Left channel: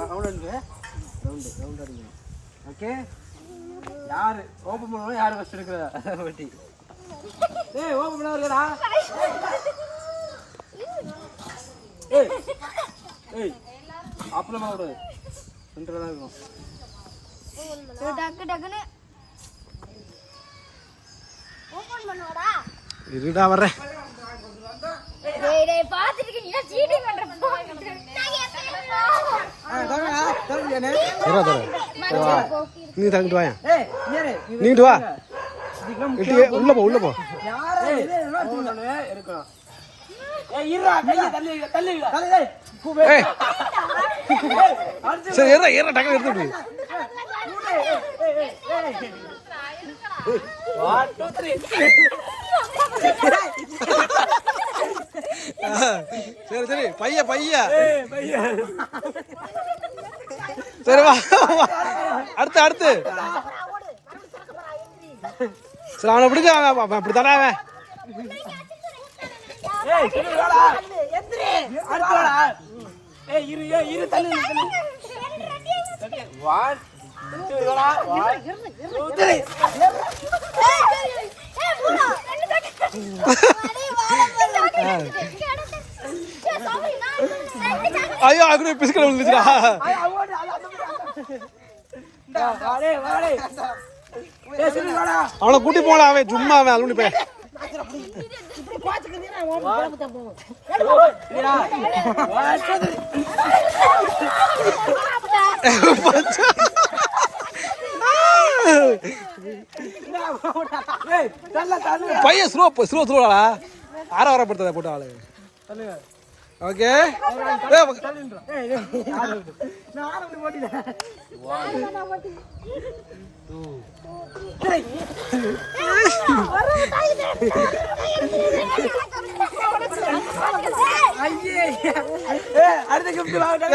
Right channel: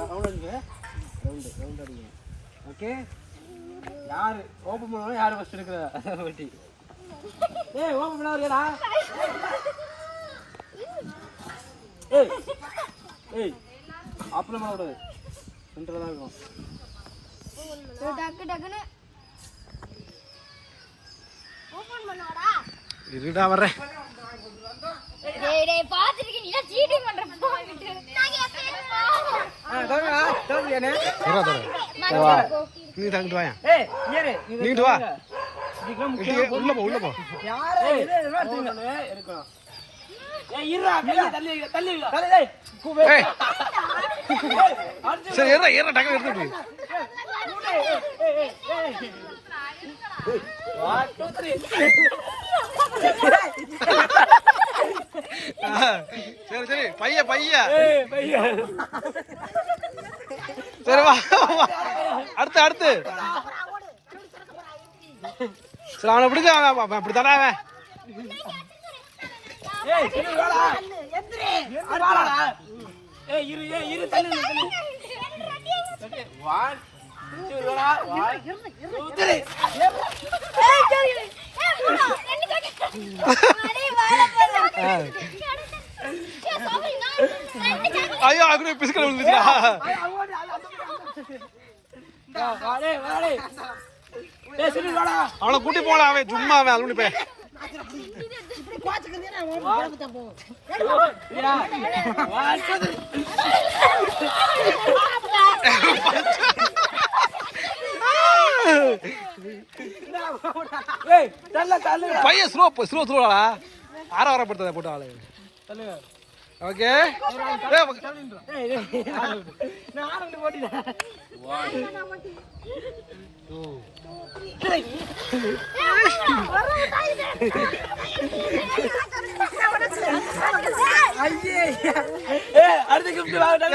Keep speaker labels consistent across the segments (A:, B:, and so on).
A: Round அடிங்க. Round round okay யார்? Open பண்ணுவோம் யார் ஃபஸ்ட் எடுக்கிறா? ஏய் ஓப்பன் பண்ண வரலடா ஏய் ஏய் அப்புறம் பண்ண தான் இருக்கும்.
B: டக்கு டக்குன்னு. ஓபன் பண்ணுவாடா.
C: இருடா
B: டேய் டேய் பாத்துட்டு நீ சீட்டிங் பண்ற போட்டு
C: தர தர நீ தங்கிட்டு வாயா வா உள்ள போ உள்ள போ சரி ஏறா ஏறா டக்கு எடுத்து விடு
A: ஏய் ஏய் ஏய் ஏய் 1 2
C: சரி சரி பைய பைய
A: ஏய் பையா
C: சரி வா. அடுத்து அடுத்து. சரி அவனை பிடிக்க அவன் அப்படி தானே அவன். ஐயோ அங்கே பிசுக்கல விழுந்துச்சுடா
A: வாடே வாடே ஏய் சரி வாடா
C: அவனை கூட்டி போலாம் அவன் சும்மா அவன் அலுவலி போய்
A: சரியா ஒன் டூ த்ரீ ஏய் தள்ள தள்ள
C: பையன் ஸ்லோ ஸ்லோ ஸ்லோடா ஆற வரப்படுத்தத போட்டு ஆளு. ஓகே?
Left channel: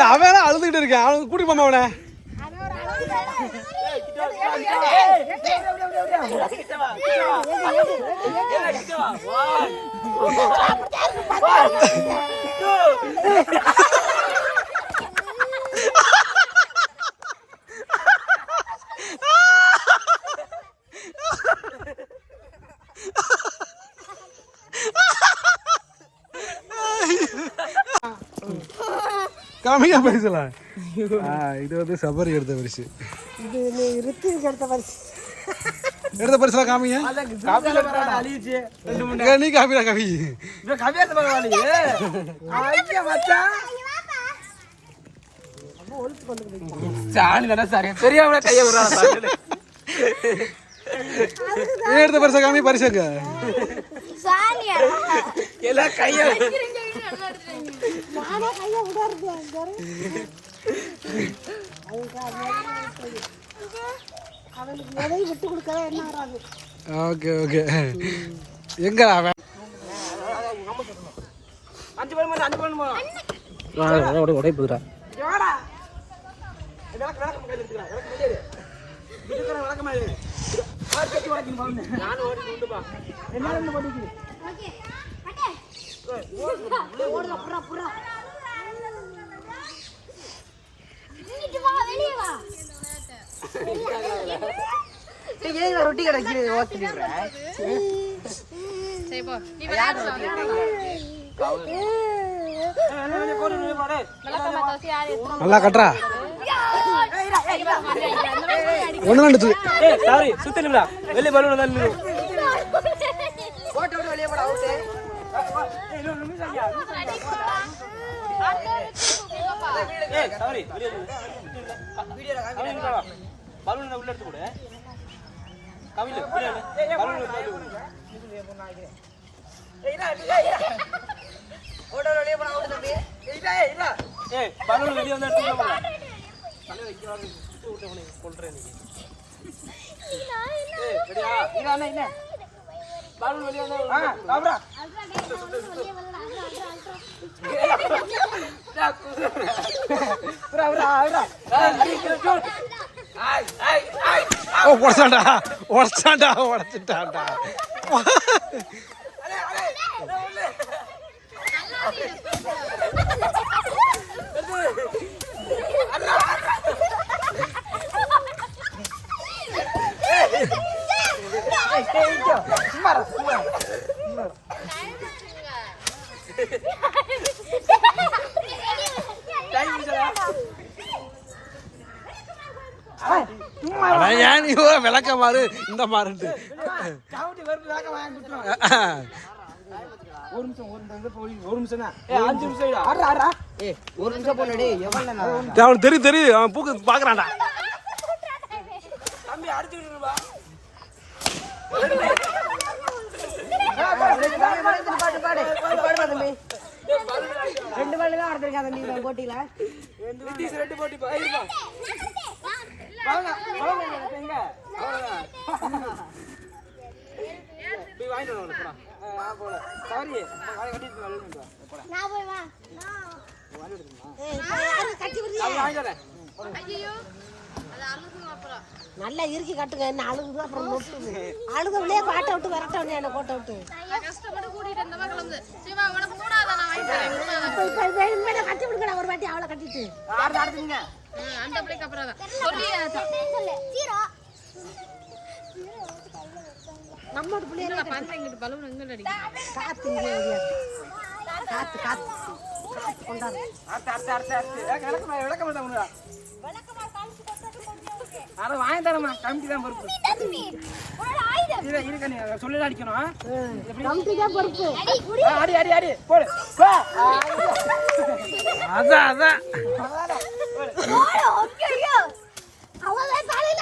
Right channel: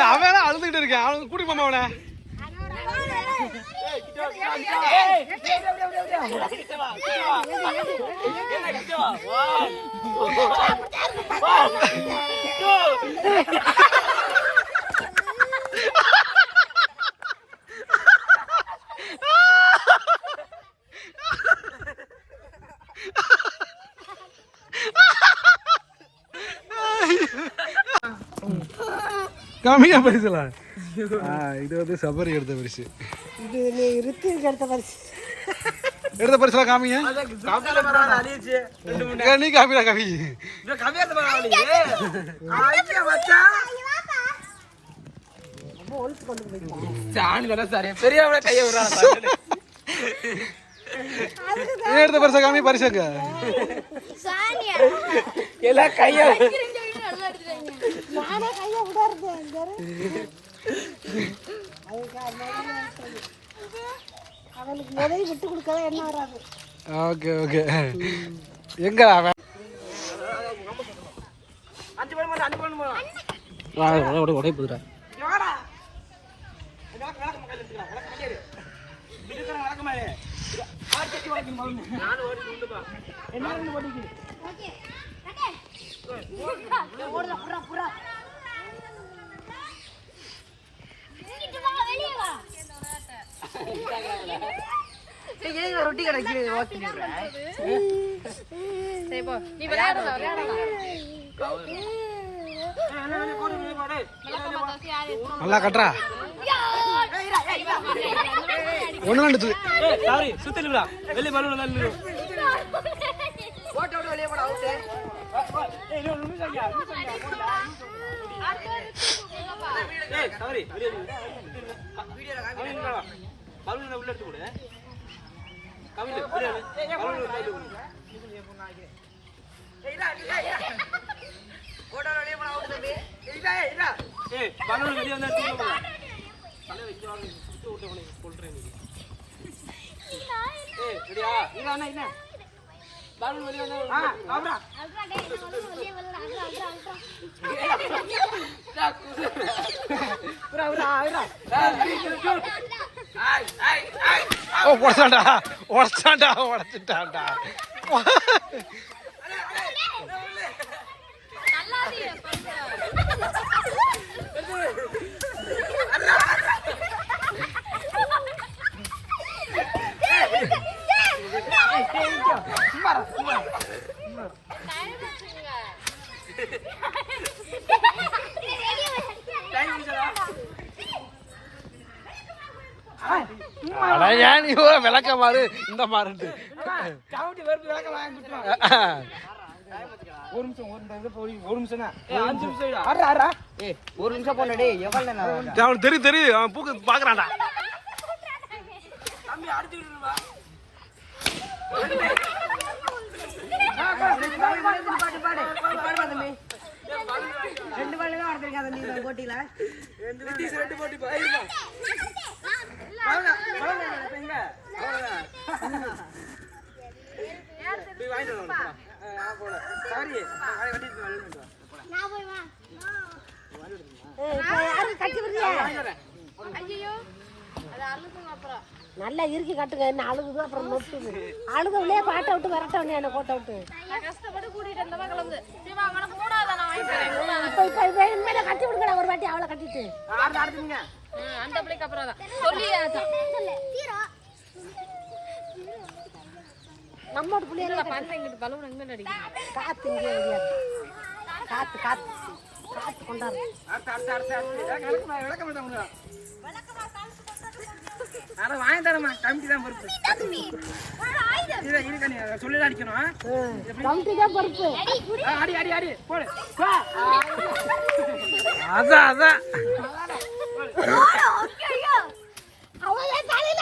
C: அவன் அழுதுகிட்டு இருக்கான்? அவனுக்கு கூட்டி போமா அவனை One, two, three. கம்மியா பரிசுலாம் ஆ, இது வந்து சபரி எடுத்த பரிசு.
D: இது நீ ரித்திக்கு எடுத்த பரிசு.
C: எடுத்த பரிசுலாம் காமிங்க. நீ காமிடா ஏன் எடுத்த பரிசா காமி பரிசுங்க
A: எல்லாம் கைய
C: ஓகே ஓகே எங்க அவன்? உடைப்புதுடா
A: யாடா விளக்கு விளக்கு கையில எடுத்துக்கலாம் விளக்கு மையாது இதுக்கு விளக்கு மாதிரி ஆறு சட்டி வளர்க்கணும் நானும் ஓடி உண்டுப்பா என்ன ரெண்டு போட்டிக்கு
B: ஓகே கட்டே
D: ஓடுறா புறா புறா
B: இங்கிட்டு வா வெளிய வா
D: ரொட்டி கிடைக்கு ஓத்துக்கிறேன்
C: நல்லா கட்டுறா. ஒண்ணு ரெண்டு
A: ஏய் சாரி. சுத்தி வெளிய பலூன் தான் நில்லு ஏய் இன்னொரு நிமிஷம் ஐயா நிமிஷம் ஐயா ஏய் சாரி வீடியோல பலூன் உள்ள எடுத்து கொடு. கவிதை பலூன் வெளிய வந்து கொடு. பலூன் வெளிய வந்து
B: அல்ட்ரா அல்ட்ரா அல்ட்ரா
C: ഓ ഉടച്ചാണ്ടാ ഉടച്ചാണ്ടാ
B: ഉടച്ചിട്ടാണ്ടാ
C: അല്ല ஏன் நீ விளக்க மாறு? இந்த மாறுட்டு
A: ஒரு நிமிஷம் ஒரு நிமிஷம் ஒரு நிமிஷம்
C: அவனுக்கு தெரியும் தெரியும் அவன் பூக்கு பாக்குறான்டா.
A: தம்பி அடிச்சு விடுறா
D: பாட்டு பாடு பாடு தம்பி ரெண்டு பால் தான் இந்த போட்டியில.
A: ரெண்டு போட்டி போயிருப்பா வாங்க வாங்க இப்ப எங்க அவ்வளவுதான் போய் வாங்கிட்டு வரணும் போடா ஆ போட சாரி வாங்கி கட்டிட்டு வெளியே வா போடா
B: நான் போய் வா
A: அது வாங்கி வரேன்
D: நல்லா இறுக்கி கட்டுங்க என்ன அழுகுது அப்புறம் நொட்டுது அழுதவனே பாட்டை விட்டு விரட்ட என்ன போட்ட விட்டு இப்ப கட்டி ஒரு வாட்டி அவளை கட்டிட்டு
A: ஆடுதுங்க
D: நம்மோட பிள்ளைங்க காத்து இங்கே ஓடியாரு. காத்து காத்து காத்து கொண்டாடு.
A: அடுத்து அடுத்து அடுத்து அடுத்து விளக்க மாட்டேன் விளக்க மாட்டேன் அதை வாங்கி தரமா கமிட்டி தான் பொறுப்பு.
B: தம்பி உன்னோட ஆயுதம்
A: இரு இரு நீ சொல்லி தான் அடிக்கணும்
D: கமிட்டிதான் பொறுப்பு.
B: அடி
A: அடி அடி அடி. போடு போ.
C: அதான் அதான்.
B: ஐயோ அவளே தலையில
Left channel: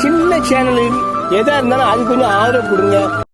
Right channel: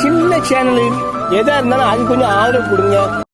E: சின்ன சேனலு எதா இருந்தாலும் அது கொஞ்சம் ஆதரவு கொடுங்க.